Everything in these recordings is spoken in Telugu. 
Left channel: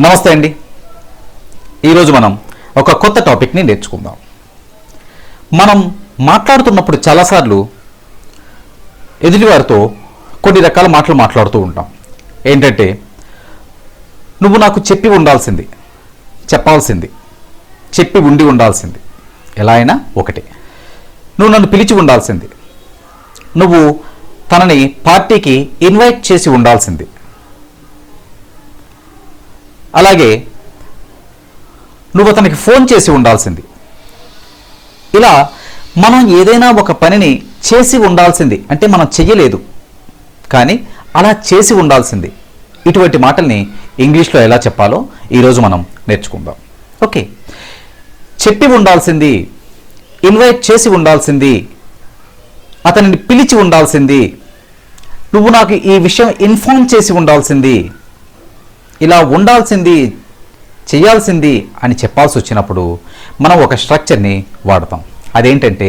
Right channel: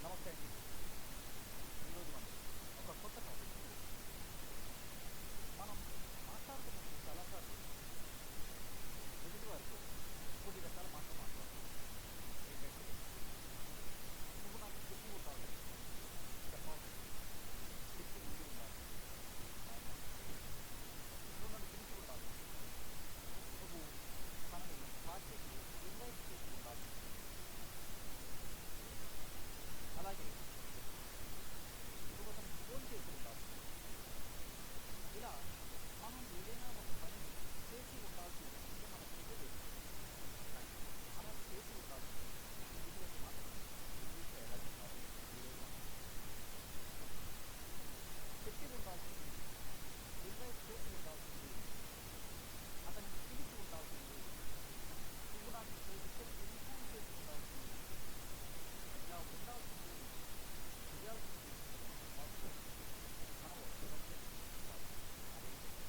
నమస్తే అండి. ఈరోజు మనం ఒక కొత్త టాపిక్ని నేర్చుకుందాం. మనం మాట్లాడుతున్నప్పుడు చాలాసార్లు ఎదుటివారితో కొన్ని రకాల మాటలు మాట్లాడుతూ ఉంటాం. ఏంటంటే, నువ్వు నాకు చెప్పి ఉండాల్సింది, చెప్పాల్సింది, చెప్పి ఉండి ఉండాల్సింది, ఎలా అయినా ఒకటే. నువ్వు నన్ను పిలిచి ఉండాల్సింది, నువ్వు తనని పార్టీకి ఇన్వైట్ చేసి ఉండాల్సింది, అలాగే నువ్వు అతనికి ఫోన్ చేసి ఉండాల్సింది. ఇలా మనం ఏదైనా ఒక పనిని చేసి ఉండాల్సింది అంటే మనం చెయ్యలేదు కానీ అలా చేసి ఉండాల్సింది. ఇటువంటి మాటల్ని ఇంగ్లీష్లో ఎలా చెప్పాలో ఈరోజు మనం నేర్చుకుందాం. ఓకే, చెప్పి ఉండాల్సింది, ఇన్వైట్ చేసి ఉండాల్సింది, అతనిని పిలిచి ఉండాల్సింది, నువ్వు నాకు ఈ విషయం ఇన్ఫార్మ్ చేసి ఉండాల్సింది, ఇలా ఉండాల్సింది, చేయాల్సింది అని చెప్పాల్సి వచ్చినప్పుడు మనం ఒక స్ట్రక్చర్ని వాడతాం. అదేంటంటే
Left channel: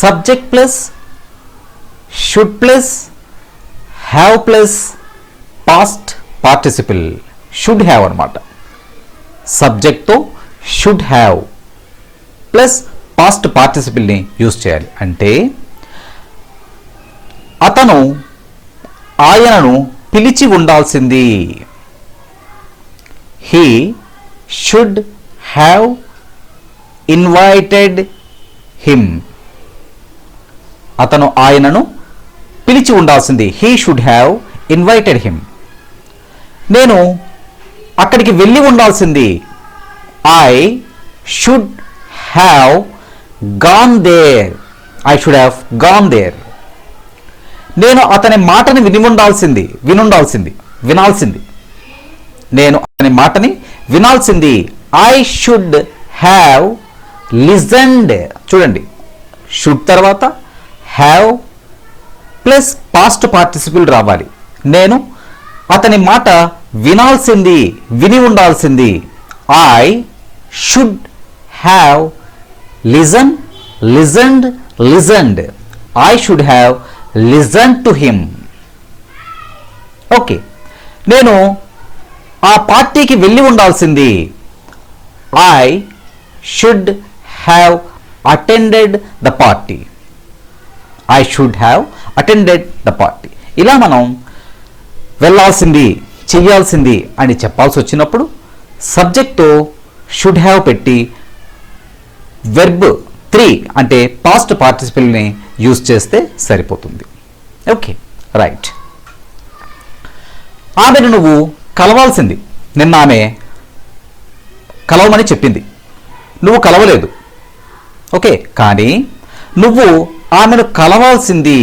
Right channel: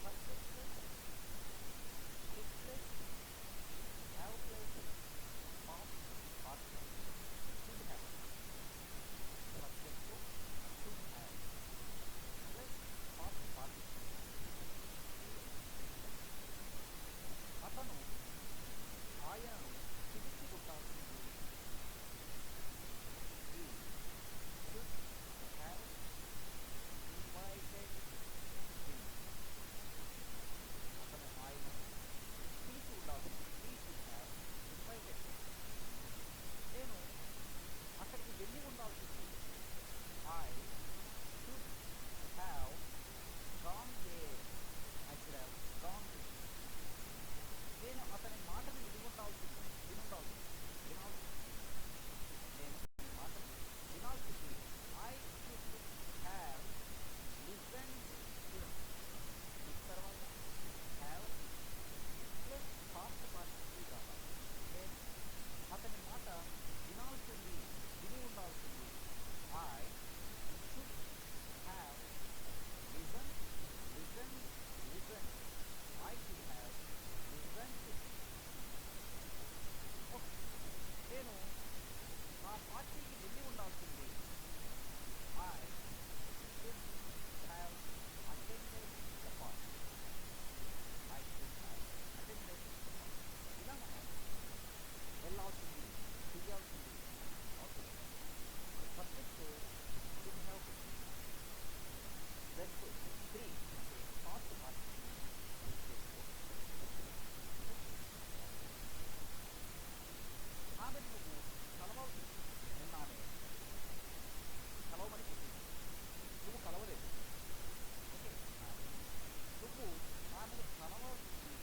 subject plus should plus have plus past participle. Should have అనమాట. సబ్జెక్ట్తో షుడ్ హ్యావ్ ప్లస్ పాస్ట్ పార్టిసిపిల్ని యూజ్ చేయాలి. అంటే అతను ఆయనను పిలిచి ఉండాల్సింది. He should have invited him. అతను ఆయనను పిలిచి ఉండాల్సింది. He should have invited him. నేను అక్కడికి వెళ్ళి ఉండాల్సింది. I should have gone there. I should have gone there. నేను అతని మాటని వినాల్సింది. నేను అతని మాటని వినాల్సింది. I should have listened. చూడండి, షుడ్ తర్వాత హ్యావ్ ప్లస్ పాస్ట్ పార్టిసిపుల్ రావాలి. నేను అతని మాట వినాల్సింది, విని ఉండాల్సింది. I should have listened. I should have listen to him. Okay, నేను ఆ పార్టీకి వెళ్ళి ఉండాల్సింది. I should have attended the party. I should have attended the party. ఇలా మనం వెళ్ళాల్సింది, చెయ్యాల్సింది అని చెప్పాల్సి వచ్చినప్పుడు సబ్జెక్ట్తో షుడ్ హ్యావ్ పెట్టి వెర్బ్ 3 అంటే పాస్ట్ పార్టిసిపిల్ని యూజ్ చేస్తే సరిపోతుంది. Okay, right. ఆమెను నువ్వు కలవాల్సింది. నిన్న ఆమె కలవమని చెప్పింది, నువ్వు కలవలేదు. ఓకే, కానీ నువ్వు ఆమెను కలవాల్సింది.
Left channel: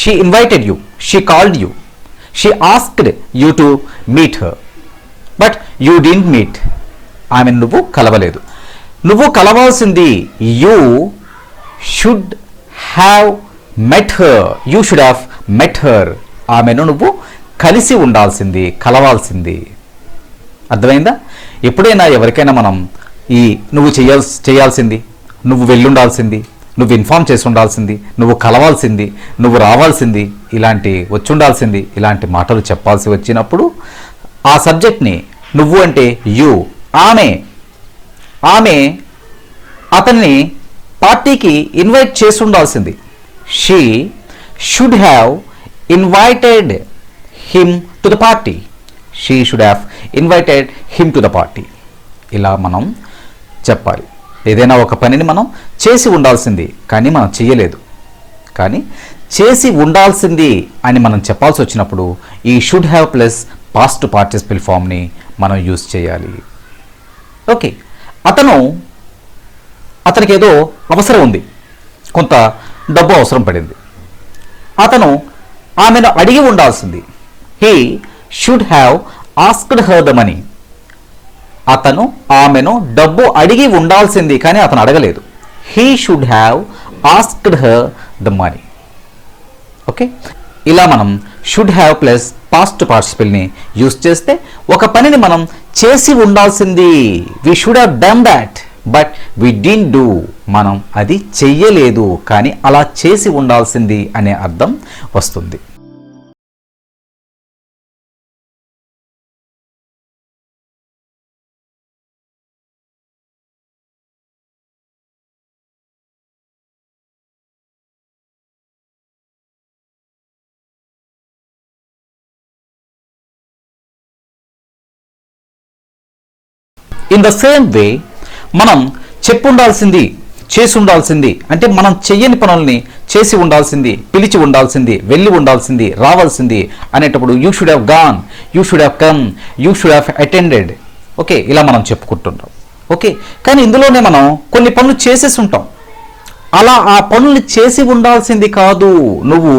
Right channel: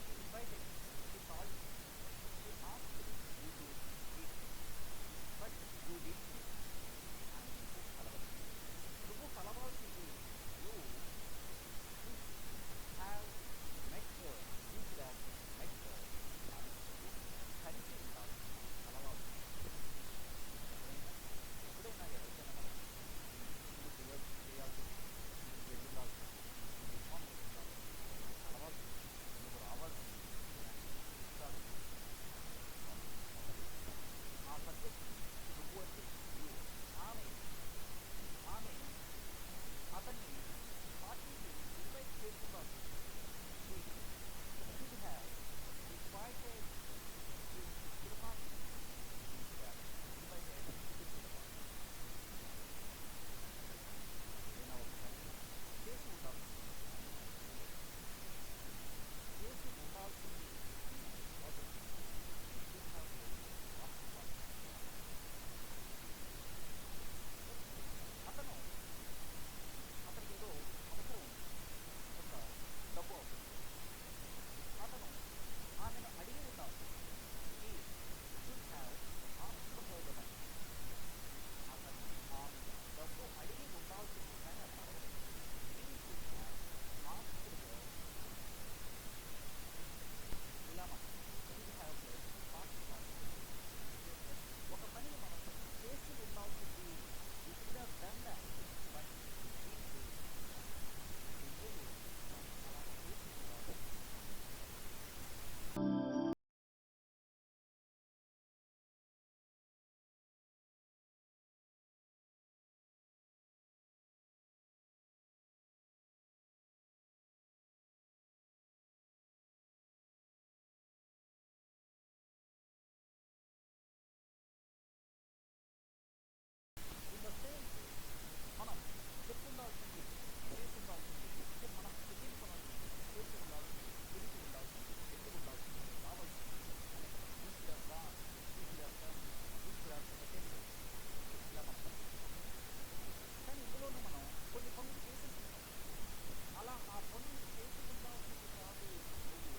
She invited you, she called you, she asked you to meet her, but you didn't meet. ఆమెను నువ్వు కలవలేదు. నువ్వు కలవాల్సింది. You should have met her. You should have met her. ఆమెను నువ్వు కలిసి ఉండాల్సింది, కలవాల్సింది. అర్థమైందా? ఎప్పుడైనా ఎవరికైనా మనం నువ్వు చేయాల్సింది, నువ్వు వెళ్ళుండాల్సింది, నువ్వు ఇన్ఫార్మ్ చేసి ఉండాల్సింది, నువ్వు కలవాల్సింది, నువ్వు రావాల్సింది, వచ్చి ఉండాల్సింది, ఇలాంటి మాటలు చెప్పాల్సి వచ్చినప్పుడు ఆ సబ్జెక్ట్ని నువ్వు అంటే యూ, ఆమె అతన్ని పార్టీకి ఇన్వైట్ చేసి ఉండాల్సింది. She should have invited him to the party. She should have invited him to the party. ఇలా మనం చెప్పాలి. ఏదైనా ఒక పనిని మనం చేసి ఉండాల్సింది కానీ మనం చెయ్యలేదు, కానీ చేసి ఉండాల్సింది అని మనం చెప్పాల్సి వచ్చినప్పుడు ఈ should have plus past participle ఫామ్ని మనం యూజ్ చేయాలి. ఓకే, అతనికి ఏదో అవసరం ఉంది, కొంత డబ్బు అవసరం పడింది. అతను ఆమెను అడిగి ఉండాల్సింది. He should have asked her the money. అతను ఆమెను డబ్బు అడిగి ఉండాల్సింది కానీ అతను అడగలేదు. He should have asked her the money. Okay, ఇలా మనం షుడ్ హ్యావ్ ప్లస్ పాస్ట్ పార్టిసిపల్ని యూజ్ చేస్తే ఒక పనిని మనం చేసి ఉండాల్సింది. We should have done that but we didn't do. మనం అది చెయ్యలేదు కానీ అలా చేసి ఉండాల్సింది అనే అర్థం వస్తుంది. ఇన్ ద సేమ్ వే మనం చెప్పు ఉండాల్సింది చేసి ఉండాల్సింది, అంటే మనం చెయ్యని పనుల్ని చేసి ఉండాల్సింది, పిలిచి ఉండాల్సింది, వెళ్ళి ఉండాల్సింది, రావాల్సింది అనేటప్పుడు you should have gone, you should have come, you should have attended. Okay, ఇలా మనం చెప్పుకుంటుంటాం. ఓకే, కానీ ఇందులోనే మనం కొన్ని పనులు చేసేసి ఉంటాం. అలా ఆ పనుల్ని చేసి ఉండాల్సింది కాదు, నువ్వు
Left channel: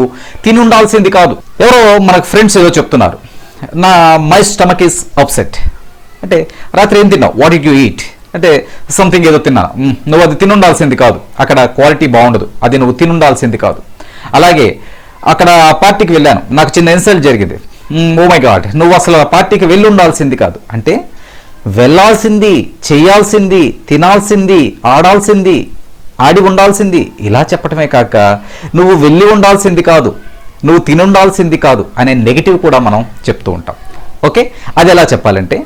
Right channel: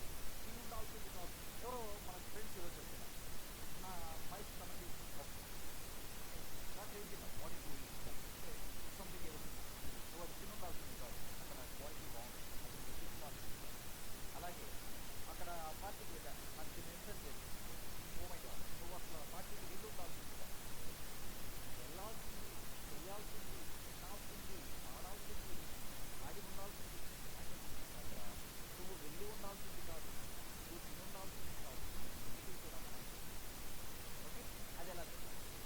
తిని ఉండాల్సింది కాదు. ఎవరో మనకు ఫ్రెండ్స్ ఏదో చెప్తున్నారు, మై స్టమక్ ఈస్ అప్సెట్ అంటే రాత్రి ఏం తిన్నావు, వాట్ డిడ్ యూ ఈట్ అంటే సంథింగ్ ఏదో తిన్నా, నువ్వు అది తినుండాల్సింది కాదు, అక్కడ క్వాలిటీ బాగుండదు, అది నువ్వు తినుండాల్సింది కాదు. అలాగే అక్కడ పార్టీకి వెళ్ళాను, నాకు చిన్న ఇన్సల్ట్ జరిగింది, ఓ మై గాడ్, నువ్వు అసలు ఆ పార్టీకి వెళ్ళి ఉండాల్సింది కాదు. అంటే వెళ్ళాల్సింది, చేయాల్సింది, తినాల్సింది, ఆడాల్సింది, ఆడి ఉండాల్సింది ఇలా చెప్పటమే కాక నువ్వు వెళ్ళి ఉండాల్సింది కాదు, నువ్వు తినుండాల్సింది కాదు అనే నెగిటివ్ కూడా మనం చెప్తూ ఉంటాం. ఓకే, అది ఎలా చెప్పాలంటే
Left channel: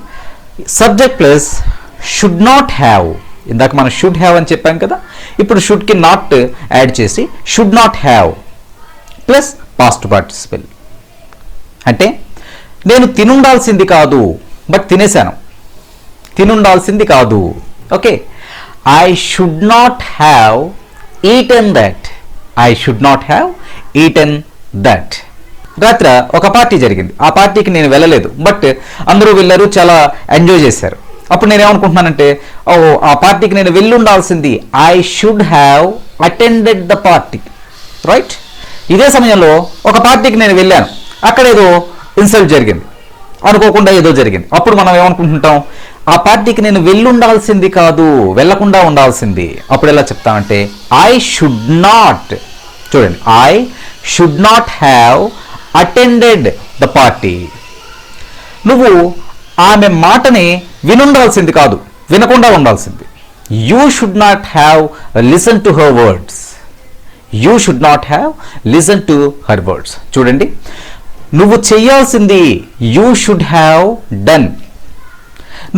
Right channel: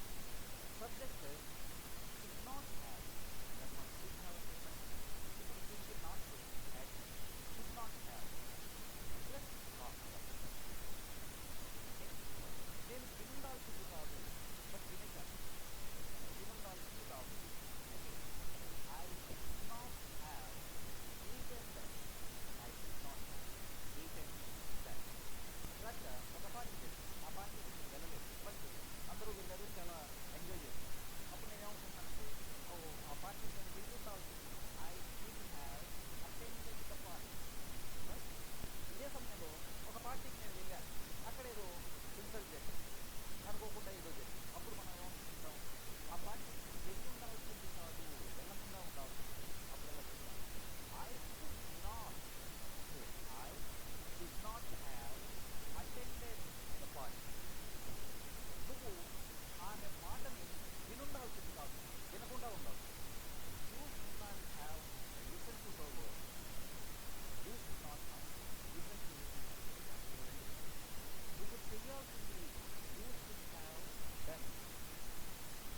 subject plus should not have. ఇందాక మనం షుడ్ హ్యావ్ అని చెప్పాం కదా, ఇప్పుడు షుడ్కి నాట్ యాడ్ చేసి should not have plus past participle. అంటే నేను తినుండాల్సింది కాదు బట్ తినేశాను, తినుండాల్సింది కాదు. Okay, I should not have eaten that, I should not have eaten that. రాత్రి ఒక పార్టీ జరిగింది, ఆ పార్టీకి నేను వెళ్ళలేదు, బట్ అందరూ వెళ్ళారు, చాలా ఎంజాయ్ చేశారు. అప్పుడు నేను ఏమనుకుంటున్నానంటే, ఓ ఆ పార్టీకి నేను వెళ్ళి ఉండాల్సింది, I should have attended the party, right. ఇదే సమయంలో ఒక పార్టీకి నేను వెళ్ళాను, అక్కడ ఏదో ఇన్సల్ట్ జరిగింది, అనుకోకుండా ఏదో జరిగింది. అప్పుడు మనం ఏమనుకుంటుంటాం, ఆ పార్టీకి నేను వెళ్ళి ఉండాల్సింది కాదు, వెళ్ళకుండా ఉండాల్సింది. అప్పుడు ఎలా చెప్తామంటే ఐ షుడ్ నాట్, చూడండి, I should not have attended the party. నువ్వు ఆమె మాటని వినుండాల్సింది కాదు, వినకుండా ఉండాల్సింది. You should not have listen to her words, you should not have listen to her words. చూడండి, నువ్వు చేయాల్సింది యూ షుడ్ హ్యావ్ డన్,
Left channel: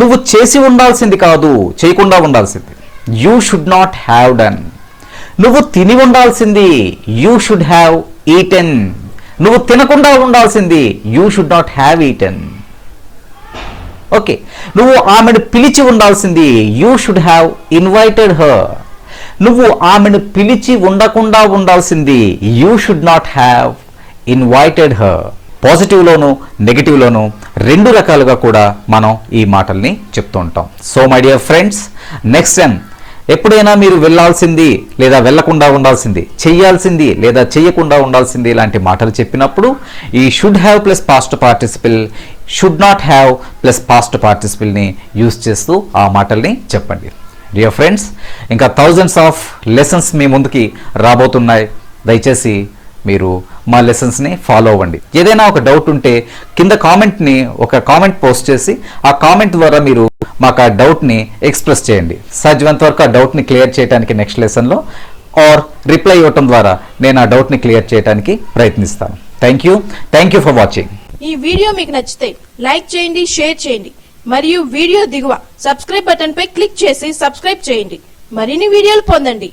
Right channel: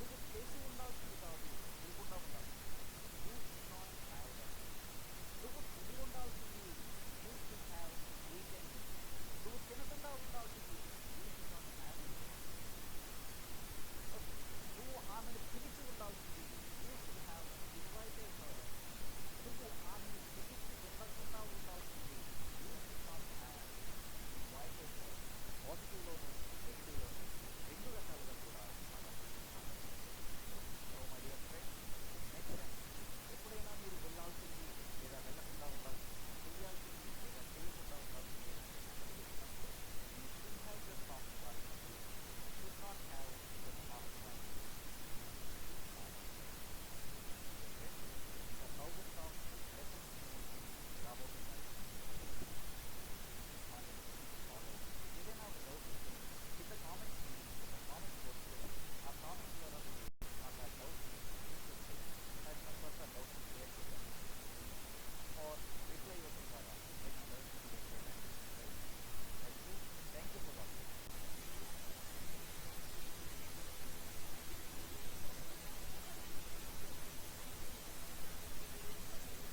నువ్వు చేసి ఉండాల్సింది కాదు, చేయకుండా ఉండాల్సింది. You should not have done. నువ్వు తిని ఉండాల్సింది యూ షుడ్ హ్యావ్ ఈటెన్, నువ్వు తినకుండా ఉండాల్సింది you should not have eaten. Okay, నువ్వు ఆమెను పిలిచి ఉండాల్సింది you should have invited her, నువ్వు ఆమెను పిలిచి ఉండకుండా ఉండాల్సింది you should not have invited her. పాజిటివ్లోను నెగిటివ్లోను రెండు రకాలుగా కూడా మనం ఈ మాటల్ని చెప్తూ ఉంటాం. So my dear friends, next time ఎప్పుడైనా మీరు వెళ్ళాల్సింది లేదా వెళ్ళకుండా ఉండాల్సింది, చెయ్యాల్సింది లేదా చెయ్యకుండా ఉండాల్సింది ఇలాంటి మాటలు చెప్పినప్పుడు ఈ should have plus past participle, should not have plus past పార్టిసిపిల్ని యూజ్ చేస్తూ ఆ మాటల్ని చెప్పండి. డియర్ ఫ్రెండ్స్, ఇంకా థౌజండ్స్ ఆఫ్ లెసన్స్ మీ ముందుకి రాబోతున్నాయి. దయచేసి మీరు మా లెసన్స్ని ఫాలో అవ్వండి. ఏదైనా ఒక డౌట్ ఉంటే కింద ఒక కామెంట్ పోస్ట్ చేసి ఆ కామెంట్ ద్వారా మీరు మాకు ఆ డౌట్ని ఎక్స్ప్రెస్ చేయండి. సాధ్యమైనంత వరకు ఆ డౌట్ని క్లియర్ చేయడానికి నెక్స్ట్ లెసన్లో ఆర్ రిప్లై ఇవ్వటం ద్వారా నేను ఆ డౌట్ని క్లియర్ చేయడానికి ప్రయత్నిస్తాను. Thank you for watching. ఈ వీడియో మీకు నచ్చితే లైక్ చేయండి, షేర్ చేయండి మరియు వీడియో దిగువ సబ్స్క్రైబ్ బటన్ పై క్లిక్ చేసి సబ్స్క్రైబ్ చేయండి. మరిన్ని వీడియోలు పొందండి.